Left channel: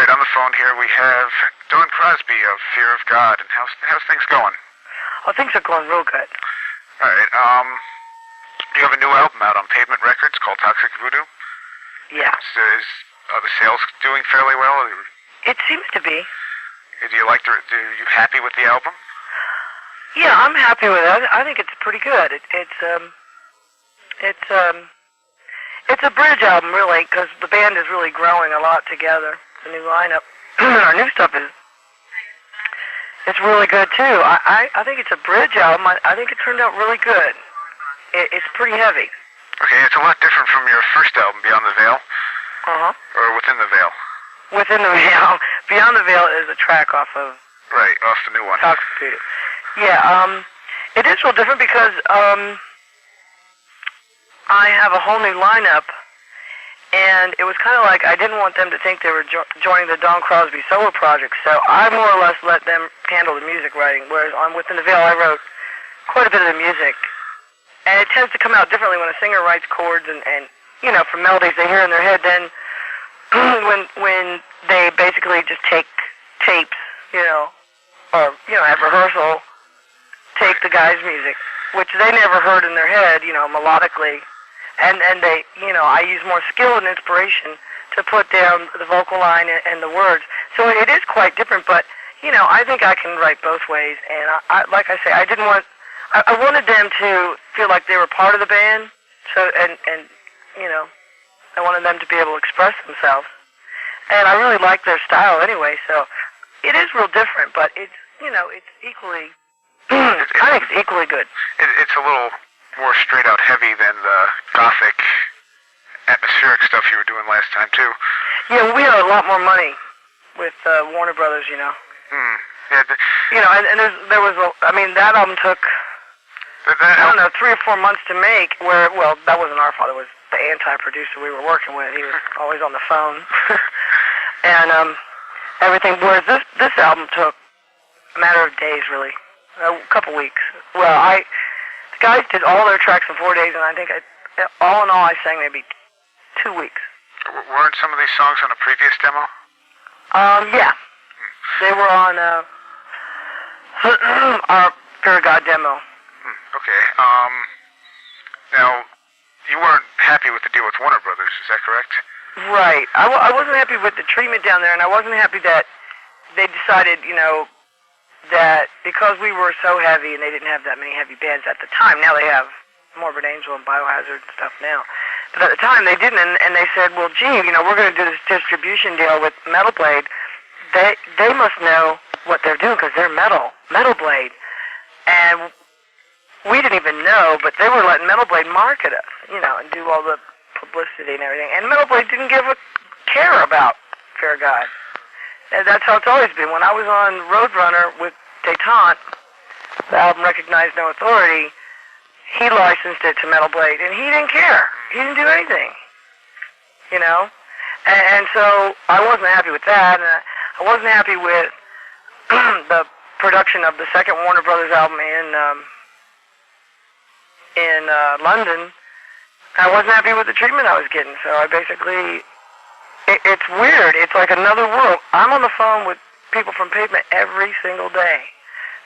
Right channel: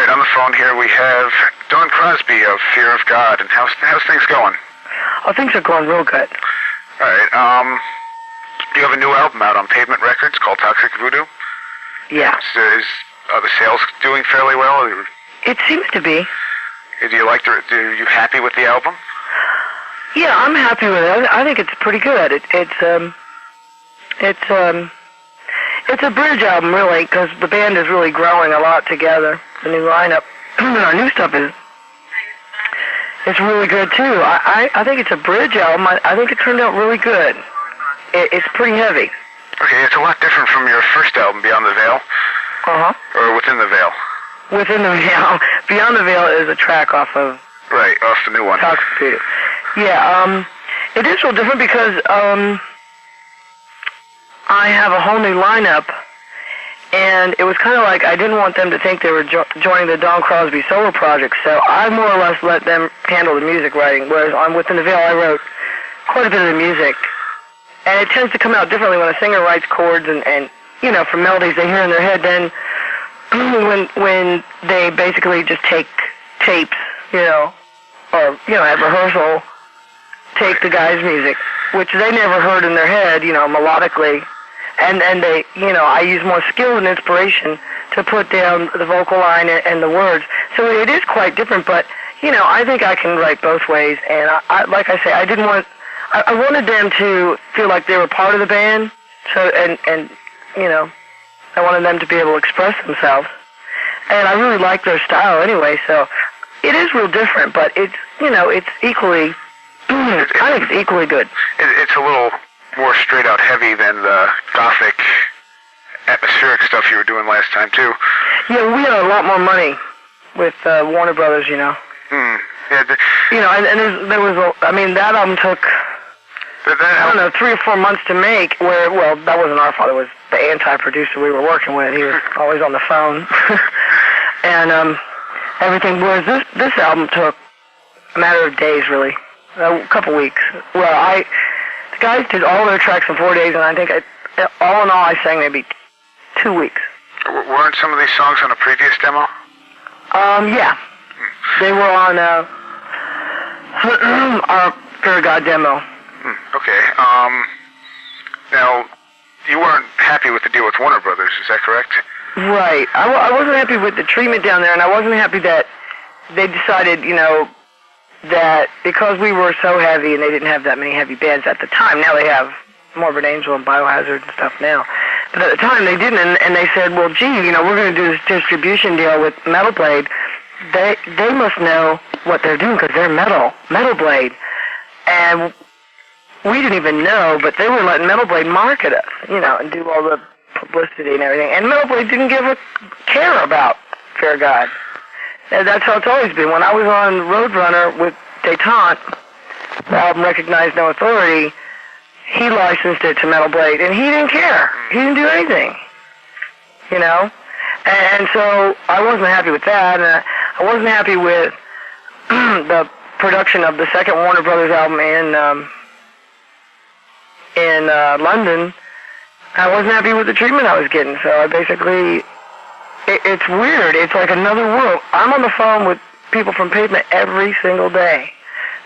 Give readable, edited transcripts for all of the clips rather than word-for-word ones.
right, on the phone here we have Dawn Crosby of Fear of God. And how's things going? Oh, things are going real good. All right, you have a new album out on Pavement Records called Toxic Voodoo? Yeah. Are the sales doing fairly well? It seems to be. Are you happy with the album? Yeah, I'm happy with it. I think it's pretty good. It's a bridge album, really, because the band is really growing a lot together. The new lineup, our new stuff it's really good too. I think it's a bridge album. I think it turned out really good. It's pretty heavy. Okay, it's a lot different from your first album, Beyond the Veil. Or Within the Veil. Within the Veil. Beyond the Veil is a track off of. Right, off the new one. Toxic Voodoo. Yeah, it is real different because I have a whole new lineup, and it was kind of like I didn't want them to think they were joining the Dawn Crosby solo project, so I more or less let them handle the music writing, whereas on Within the Veil I wrote quite a bit of the music. And it tends to come out differently when a singer writes chords and you know, from melodies they hear in their head, then when they basically just take tapes, you know, or, you know, at rehearsal, take the guy's music, which they never heard in their head, you know, melodically, and they, you know, I use more skill and inspiration to put down the vocal line and the words. So it is quite different, but, you know, I think I can write both ways, and I like I say, I wanted them to feel like they were part of the band, so, and you know, I wanted them to be able to express themselves. And I really like their style anyway, so it is real different, but it's, you know, it's equally, I think it's equally good. It's a little more straight out heavy than the gothic, atmospheric stuff you were doing last time, too. Yeah, we had a lot more money with Warner Brothers, you know. Yeah, you know, and there was that album took, I don't know, 3 or 4 months to make, well, that wasn't our fault, it was the anti-producer we were working with. He was always on the phone. And everything, whereas this album took a matter of days, really. A couple weeks. Well, the guys did all their tracks in 4 days, and I think all in all I sang maybe 2 weeks. Weren't some of these songs on a previous demo? Yeah. They were on our Fear of God demo. Okay. Now, you weren't happy with the deal with Warner Brothers, is that correct? Right. I wasn't happy with the treatment down there, and I wasn't happy that they decided, you know, that because we were so heavy and they didn't have that many heavy bands at the time. Now they have Morbid Angel and Biohazard and stuff now. But at the time they didn't, and they said, well, gee, you know, we're going to do this distribution deal with Metal Blade. They must know what they're doing because they're Metal Blade. And we didn't even know, but they were letting Metal Blade market us, you know, and do all the publicity and everything. And Metal Blade didn't give a care about Fear of God. And that's how it's always been. When I was on Roadrunner with Detente, the album Recognize No Authority, he licensed it to Metal Blade, and he didn't care. He didn't do anything, you know? And so I wasn't happy with that, and I wasn't happy with the production of the second Warner Brothers album in London. I wasn't happy with the treatment I was getting, so I basically... It's weird. It's like another world. I'm on the phone with people from Pavement every single day.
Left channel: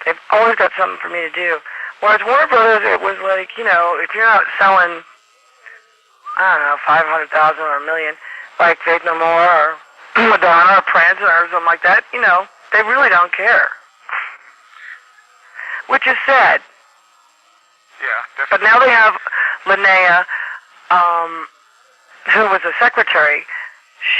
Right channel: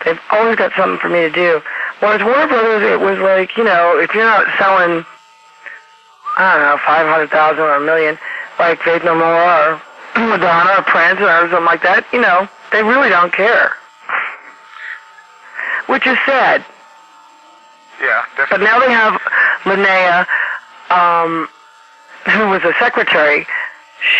They've always got something for me to do. Whereas Warner Brothers, it was like, you know, if you're not selling, I don't know, 500,000 or $1 million, like Faith No More or Madonna or Prince or something like that, you know, they really don't care. Which is sad. Yeah, definitely. But now they have Linnea, who was a secretary.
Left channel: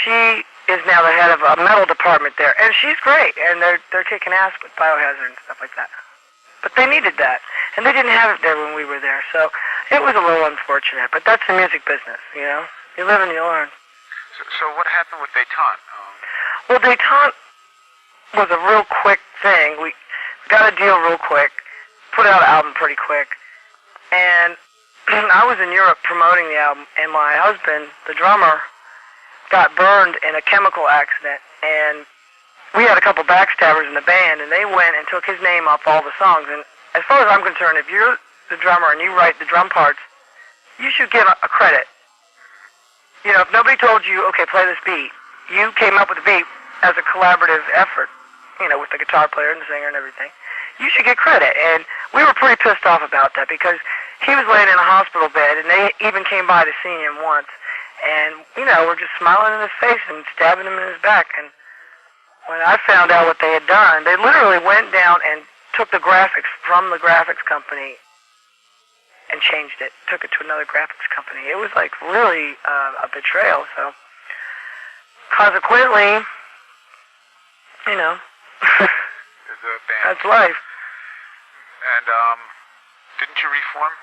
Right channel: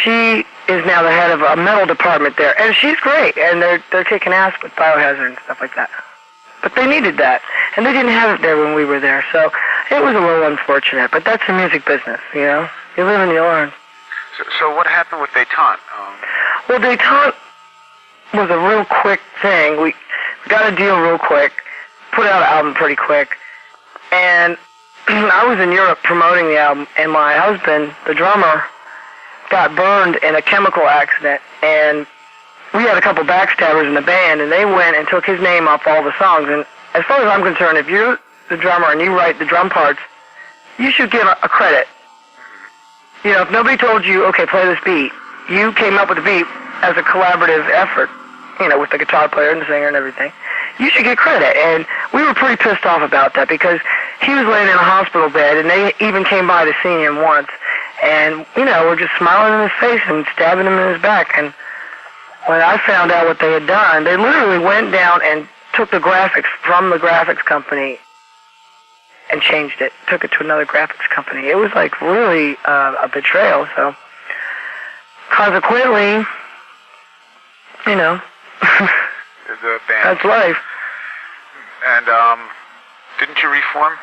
She is now the head of a metal department there, and she's great, and they're kicking ass with Biohazard and stuff like that. But they needed that, and they didn't have it there when we were there, so it was a little unfortunate, but that's the music business, you know? You live and you learn. So what happened with Detente? Well, Detente was a real quick thing. We got a deal real quick, put out an album pretty quick, and I was in Europe promoting the album, and my husband, the drummer, got burned in a chemical accident, and we had a couple backstabbers in the band, and they went and took his name off all the songs. And as far as I'm concerned, if you're the drummer and you write the drum parts, you should get a credit. You know, if nobody told you, okay, play this beat, you came up with the beat, as a collaborative effort, with the guitar player and the singer and everything. You should get credit. And we were pretty pissed off about that because he was laying in a hospital bed, and they even came by to see him once. And, we're just smiling in his face and stabbing him in his back. And when I found out what they had done, they literally went down and took the graphics from the graphics company and changed it, took it to another graphics company. It was like really a betrayal. So consequently, the band. That's life. And didn't you reform?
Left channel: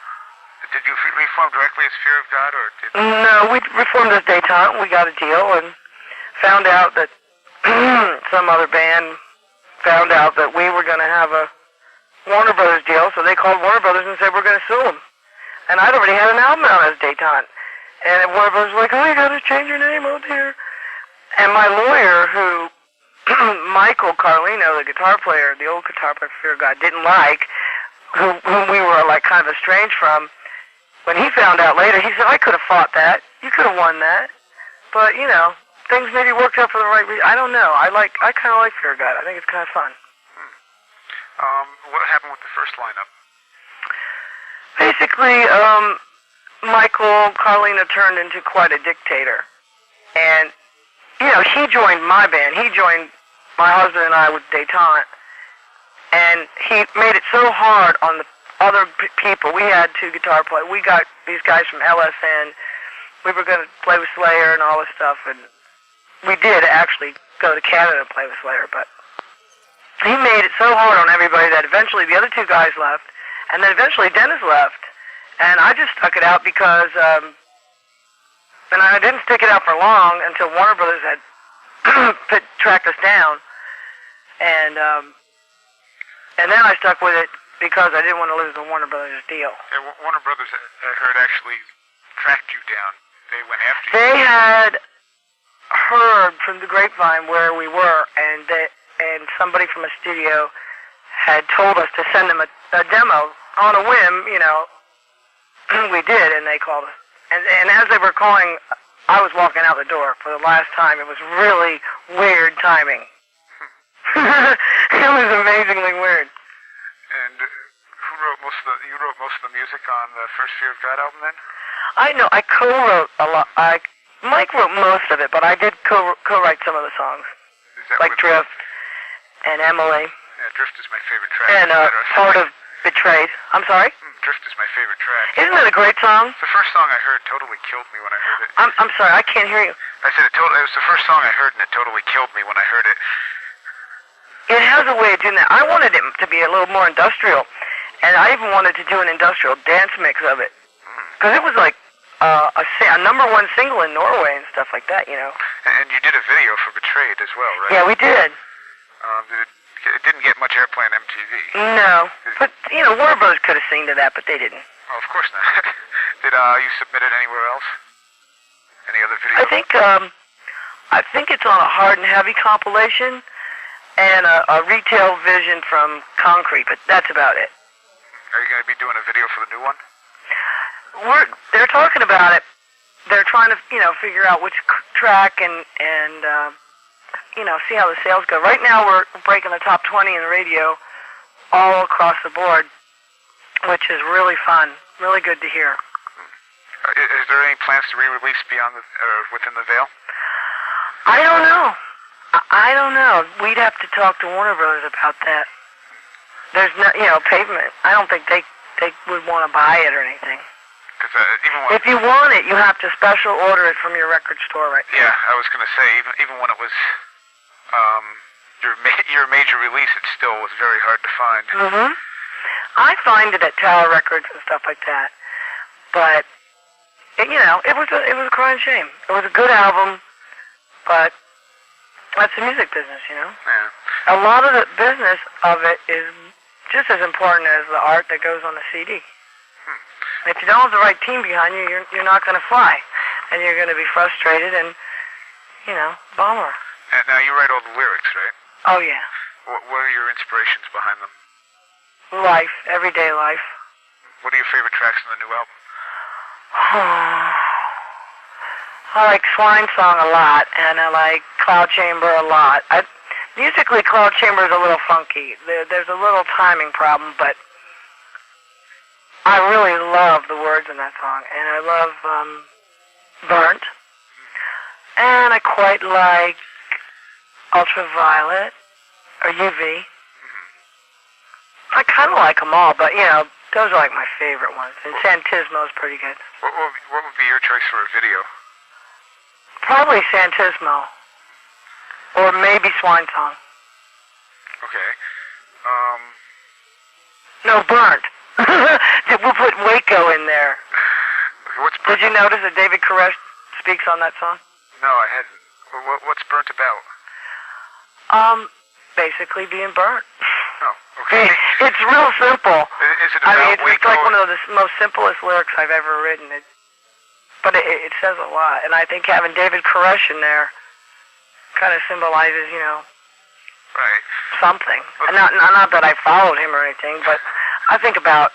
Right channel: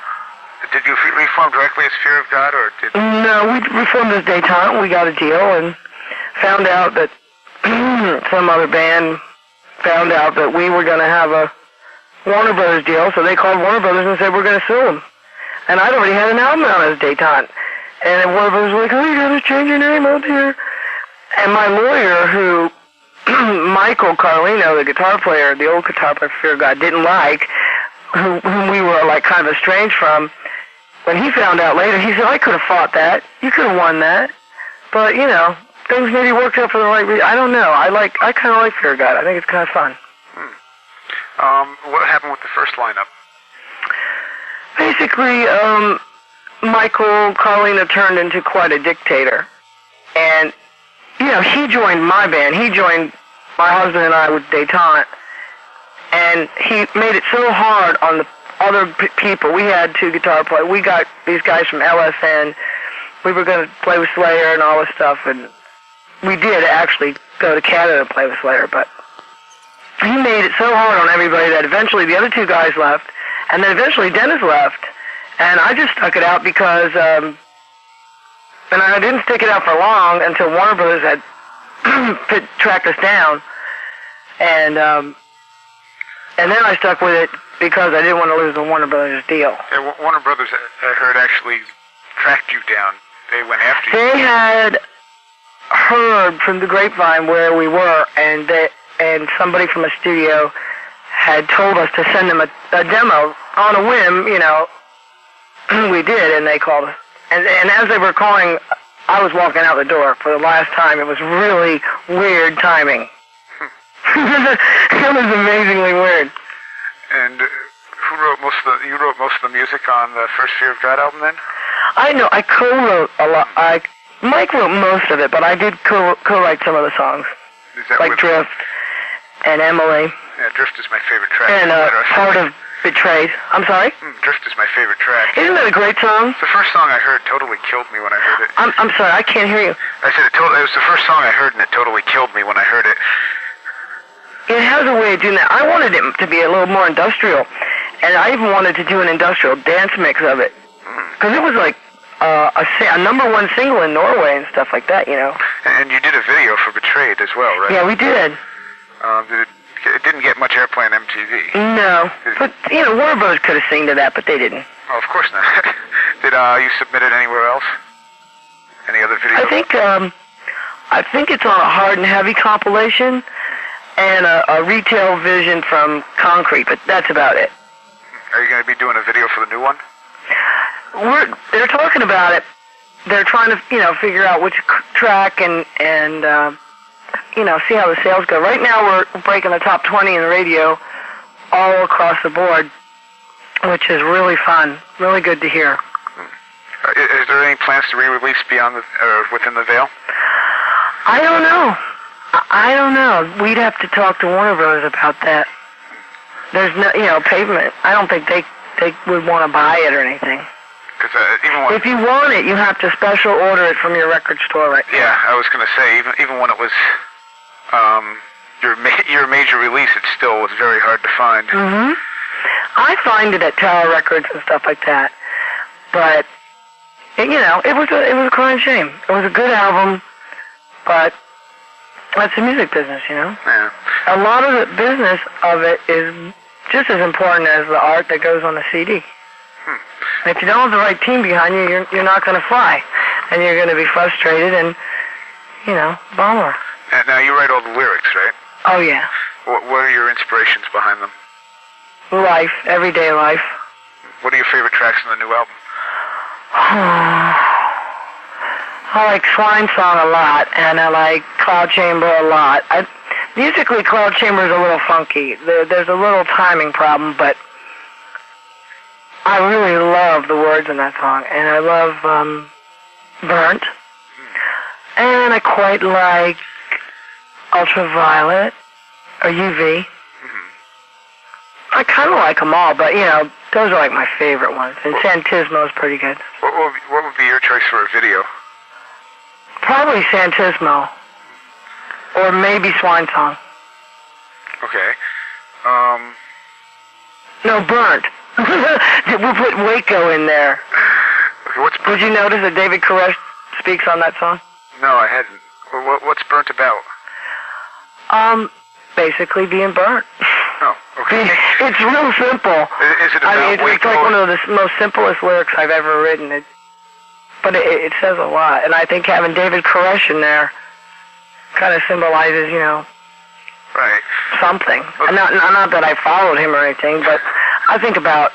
Did you reform directly as Fear of God, or did? No, we reformed as Dayton. We got a deal and found out that some other band found out that we were going to have a Warner Brothers deal, so they called Warner Brothers and said we're going to sue them. And I'd already had an album out as Dayton. And Warner Brothers was like, oh, you got to change your name out here. And my lawyer, who Michael Carlino, the guitar player, the old guitar player for Fear of God, didn't like, whom we were like kind of estranged from, when he found out later, he said, I could have fought that. You could have won that. But, things maybe worked out for the right reason. I don't know. I kind of like Fear of God. I think it's kind of fun. What happened with the first lineup? Basically, Michael Carlino turned into quite a dictator. And, he joined my band. He joined my husband and I with Detente. And he made it so hard on the other people. We had two guitar players. We got these guys from LSN. We were going to play with Slayer and all this stuff. And we did actually go to Canada to play with Slayer. But he made it so hard on everybody that eventually the other two guys left. And then eventually Dennis left. And I just stuck it out because... and I didn't stick it out for long until Warner Brothers had tracked us down. And then I stuck with it because I didn't want to lose the Warner Brothers deal. Yeah, Warner Brothers, I heard, actually tracked you down. They went after you. They had heard from the grapevine where we were, and somebody from a studio had told us to send them a demo on a whim, We did, and they called us. And as they were calling, I was walking out the door for the last time. It was really weird timing. It was amazingly weird. And who wrote you wrote most of the music on the first Fear of God album then? I know, I co-wrote a lot. Mike wrote most of it, but I did co-write some of the songs. Like Drift and Emily. Yeah, Drift is my favorite track. And part of Betrayed. I'm sorry? Drift is my favorite track. Isn't that a great song? The first song I heard totally killed me when I heard it. I'm sorry, I can't hear you. I said it was the first song I heard, and it totally killed me when I heard it. It has a way of doing that. I wanted it to be a little more industrial, and I even wanted to do an industrial dance mix of it. Because it was like a number one single in Norway and stuff like that, And you did a video for Betrayed as well, right? Yeah, we did. It didn't get much airplay on MTV. No. But, Warner Brothers could have seen to that, but they didn't. Oh, of course not. Did you submit it anywhere else? Any other videos? I think it's on a Hard and Heavy compilation and a Retail Vision from Concrete, but that's about it. Are you going to be doing a video for the new one? They're talking about it. They're trying to, figure out which track and see how the sales go. Right now we're breaking the top 20 in the radio all across the board, which is really fun, really good to hear. Is there any plans to re-release beyond within the veil? I don't know. I don't know. We'd have to talk to Warner Brothers about that. There's no, Pavement. I don't think they would want to buy it or anything. If you want it, you have to special order it from your record store right now. Yeah, I was going to say, even when it was your major release, it still was very hard to find. Mm-hmm. I find it at Tower Records and stuff like that. But, it was a crying shame. It was a good album, but that's the music business, Yeah. A lot of the business of it is just as important as the art that goes on the CD. If you don't have the right team behind you, you're not going to fly. And you're going to be frustrated and, bummer. And now you write all the lyrics, right? Oh, yeah. What are your inspirations behind them? Life, everyday life. What are your favorite tracks in the new album? I like Swine Song a lot, and I like Cloud Chamber a lot. Musically, Cloud Chamber is a little funky. There's a little timing problem, but I really love the words in that song, and I love Burnt, and I quite like Ultraviolet or UV. I kind of like them all, but, those are like my favorite ones, and Santismo is pretty good. What would be your choice for a video? Probably Santismo, or maybe Swine Song. Okay. No, Burnt. We'll put Waco in there. Okay, what's Burnt? Did you notice that David Koresh speaks on that song? No, I hadn't. What's Burnt about? Basically being burnt. Oh, okay. It's real simple. Is it about it's like one of the most simplest lyrics I've ever written. But it says a lot, and I think having David Koresh in there kind of symbolizes, right, something. Okay. Not that I followed him or anything, but I think about,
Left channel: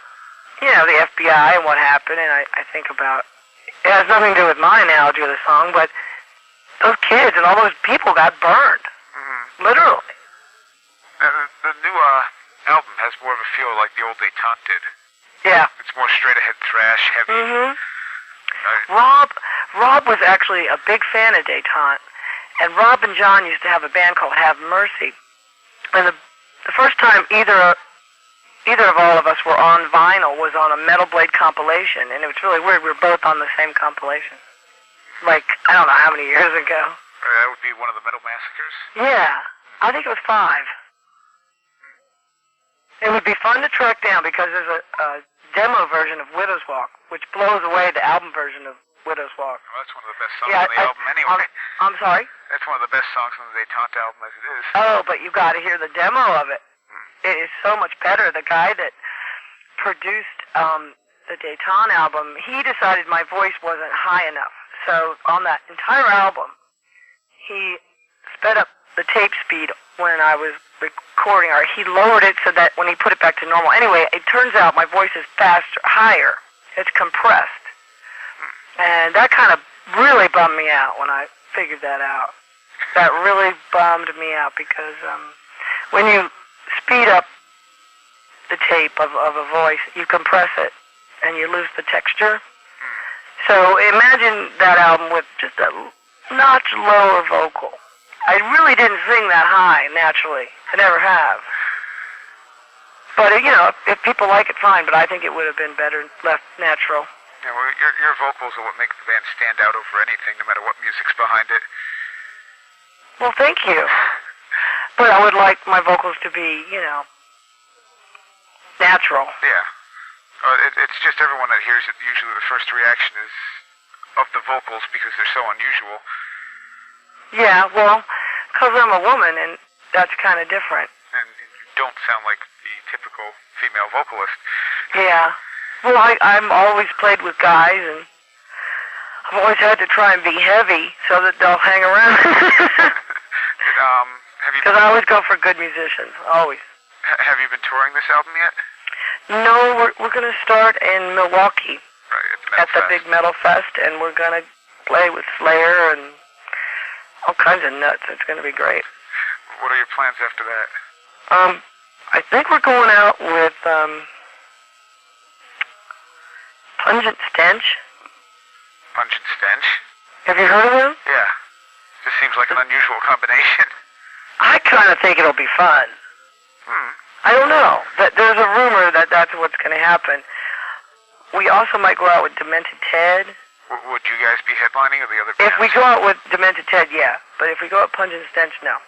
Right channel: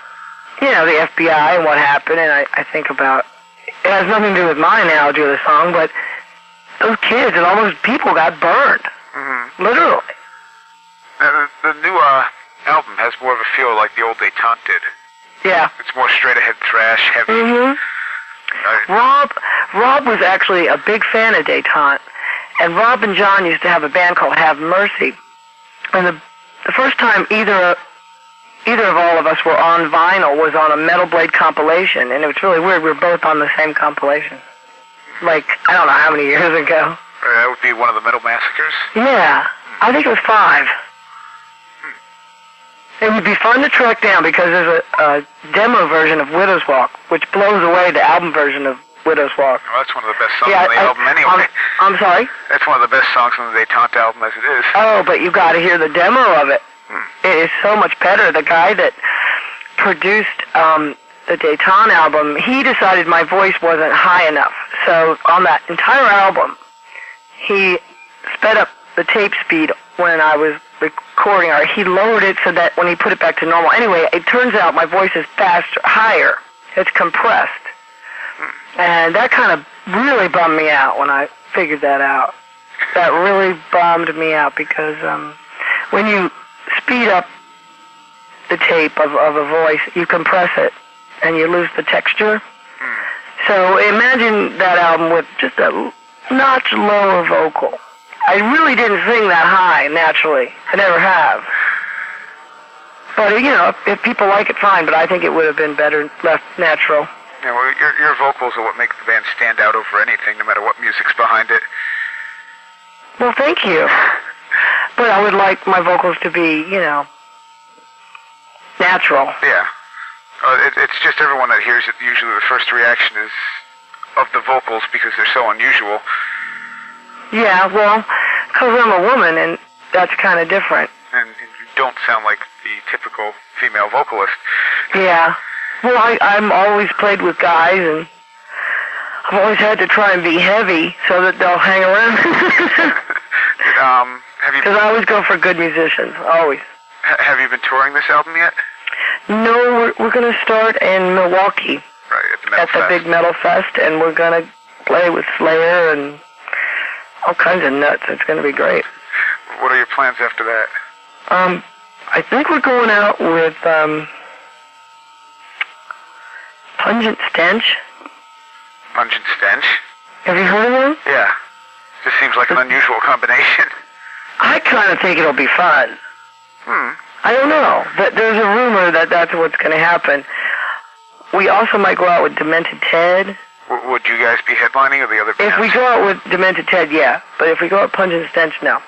the FBI and what happened, and I think about, it has nothing to do with my analogy of the song, but those kids and all those people got burned. Mm-hmm. Literally. Now, the new album has more of a feel like the old Detente did. Yeah. It's more straight-ahead thrash, heavy. Mm-hmm. Rob was actually a big fan of Dayton, and Rob and John used to have a band called Have Mercy. And the first time either of all of us were on vinyl was on a Metal Blade compilation, and it was really weird. We were both on the same compilation. Like, I don't know how many years ago. That would be one of the Metal Massacres? Yeah, I think it was 5. It would be fun to track down because there's a demo version of Widow's Walk, which blows away the album version of Widow's Walk. Well, that's one of the best songs on the album anyway. I'm sorry? That's one of the best songs on the Detente album as it is. Oh, but you got to hear the demo of it. It is so much better. The guy that produced the Dayton album, he decided my voice wasn't high enough. So on that entire album, he sped up the tape speed when I was recording, or he lowered it so that when he put it back to normal. Anyway, it turns out my voice is faster, higher. It's compressed. And that kind of really bummed me out when I figured that out. That really bummed me out because when you speed up the tape of a voice, you compress it and you lose the texture. So imagine that album with just a notch lower vocal. I really didn't sing that high naturally. I never have. But, if people like it, fine, but I think it would have been better left natural. Yeah, well, your vocals are what make the band stand out over anything, no matter what music's behind it. Well, thank you. But I would like my vocals to be, natural. Yeah. It's just everyone that hears it, usually the first reaction is of the vocals because they're so unusual. Yeah, well, because I'm a woman, and that's kind of different. And you don't sound like the typical female vocalist. Yeah. Well, I'm always played with guys, and I've always had to try and be heavy so that they'll hang around. Because I always go for good musicians, always. Have you been touring this album yet? No, we're going to start in Milwaukee. Right, at the big Metal Fest, and we're going to play with Slayer and all kinds of nuts. It's going to be great. What are your plans after that? I think we're going out with Pungent Stench. Pungent Stench? Have you heard of them? Yeah. This seems like an unusual combination. I kind of think it'll be fun. I don't know. There's a rumor that that's what's going to happen. We also might go out with Demented Ted. Would you guys be headlining or the other bands? If we go out with Demented Ted, yeah. But if we go out Pungent Stench, no.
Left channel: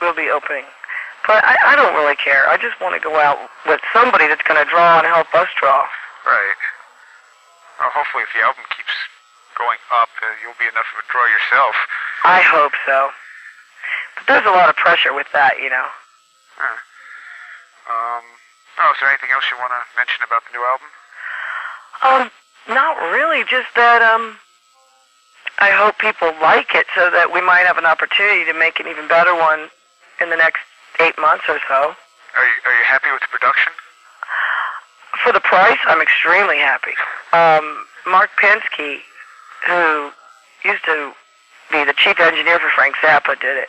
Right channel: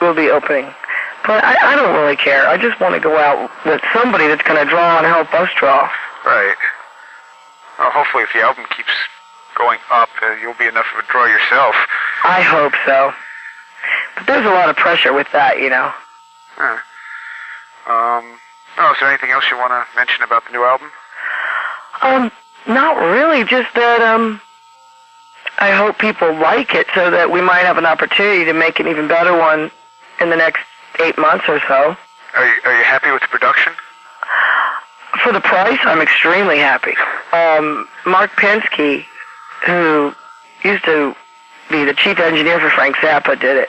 We'll be opening. But I don't really care. I just want to go out with somebody that's going to draw and help us draw. Right. Well, hopefully if the album keeps going up, you'll be enough of a draw yourself. I hope so. But there's a lot of pressure with that, Huh. Is there anything else you want to mention about the new album? Not really. Just that, I hope people like it so that we might have an opportunity to make an even better one in the next 8 months or so. Are you happy with the production? For the price, I'm extremely happy. Mark Pensky, who used to Crosby, the chief engineer for Frank Zappa, did it.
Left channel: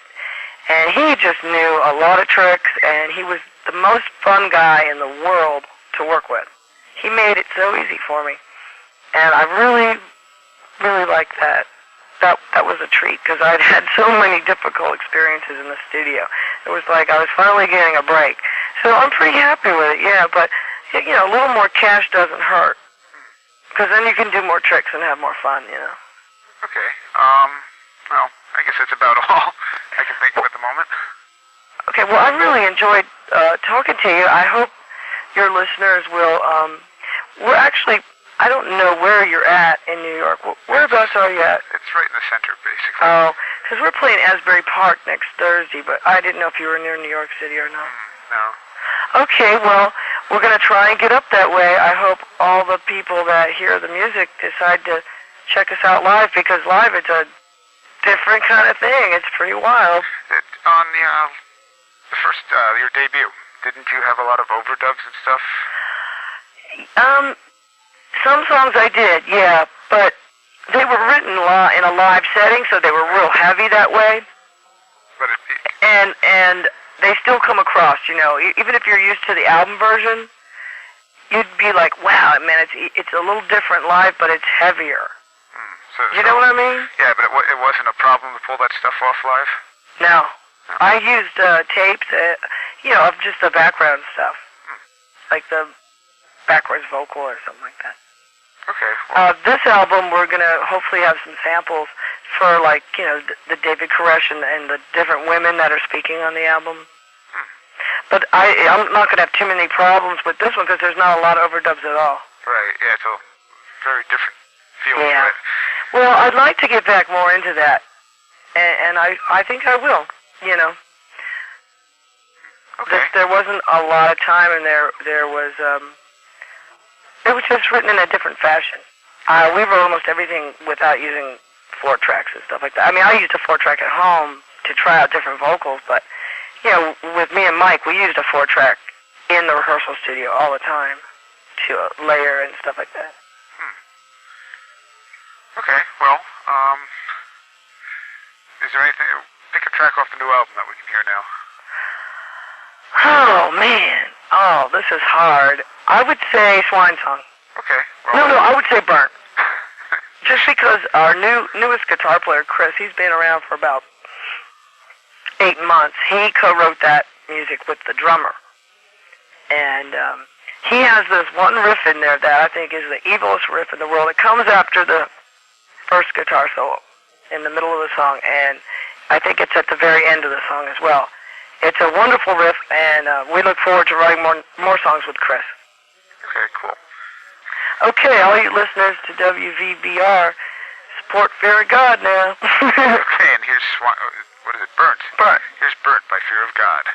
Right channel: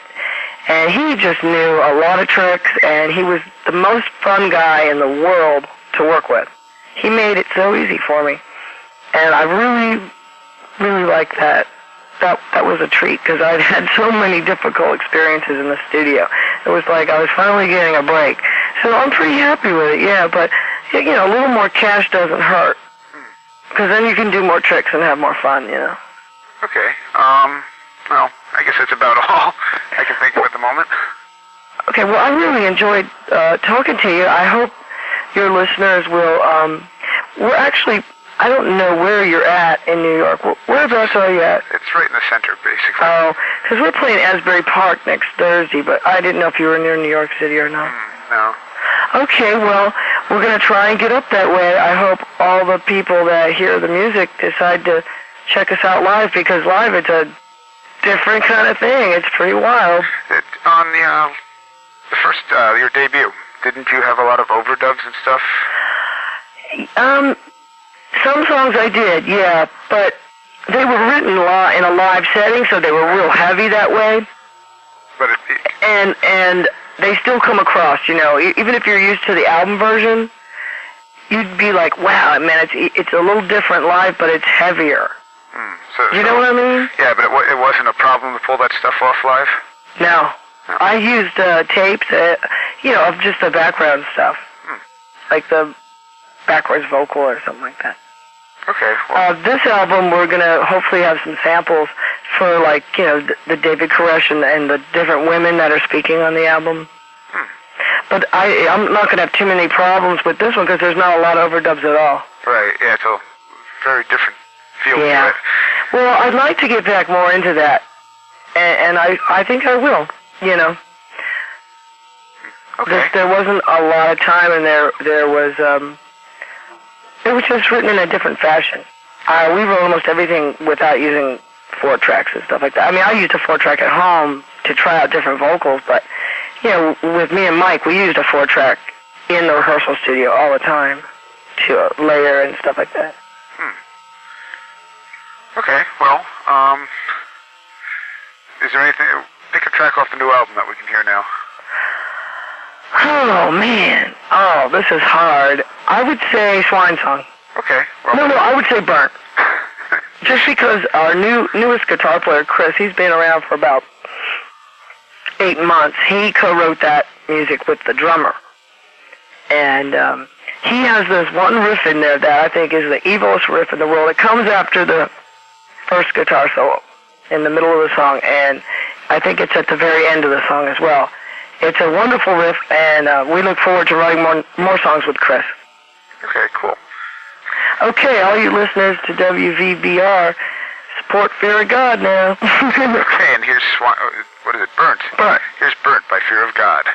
And he just knew a lot of tricks, and he was the most fun guy in the world to work with. He made it so easy for me. And I really, really liked that. That was a treat, because I'd had so many difficult experiences in the studio. It was like I was finally getting a break. So I'm pretty happy with it, yeah, but, you know, a little more cash doesn't hurt. Because then you can do more tricks and have more fun, you know. Okay. Well, I guess that's about all I can think of at the moment. Okay, well, I really enjoyed talking to you. I hope your listeners will, we're actually, I don't know where you're at in New York. Whereabouts are you at? It's right in the center, basically. Oh, because we're playing Asbury Park next Thursday, but I didn't know if you were near New York City or not. No. Okay, well, we're going to try and get up that way. I hope all the people that hear the music decide to check us out live, because live it's a different kind of thing. It's pretty wild. On the first, your debut, didn't you have a lot of overdubs and stuff? Some songs I did, yeah, but they were written in a live setting, so they were real heavy that way. But and they still come across, you know, even if you're used to the album version, you'd be like, wow, man, it's a little different live, but it's heavier. You know what I mean? Yeah, but it wasn't a problem to pull that stuff off live? No. I used tapes, you know, of just the background stuff. Like the backwards vocal or something like that. Okay. Well. This album, we're going to hopefully have some samples for, like, you know, the David Koresh and the different women that are speaking on the album. But I'm not going to have too many problems with this one, because there's not a lot of overdubs at all. Right, yeah, it's a very different feel to it. Well, I'd like to get back more into that, and I think I will, you know. Okay. There wasn't a lot of time, and there was, it was just written in a different fashion. We wrote almost everything without using 4-tracks and stuff like that. I mean, I used a 4-track at home to try out different vocals, but, you know, with me and Mike, we used a 4-track in the rehearsal studio all the time to layer and stuff like that. Okay, well, is there anything, pick a track off the new album that we can hear now. Oh, man. Oh, this is hard. I would say Swine Song. Okay. Well, No, I would say Burnt. Just because our newest guitar player, Chris, he's been around for about 8 months. He co-wrote that music with the drummer. And he has this one riff in there that I think is the evilest riff in the world. It comes after the first guitar solo in the middle of the song, and I think it's at the very end of the song as well. It's a wonderful riff, and we look forward to writing more songs with Chris. Okay, cool. Okay, all you listeners to WVBR, support Fear of God now. Okay, and here's, what is it, Burnt? Burnt. Here's Burnt by Fear of God.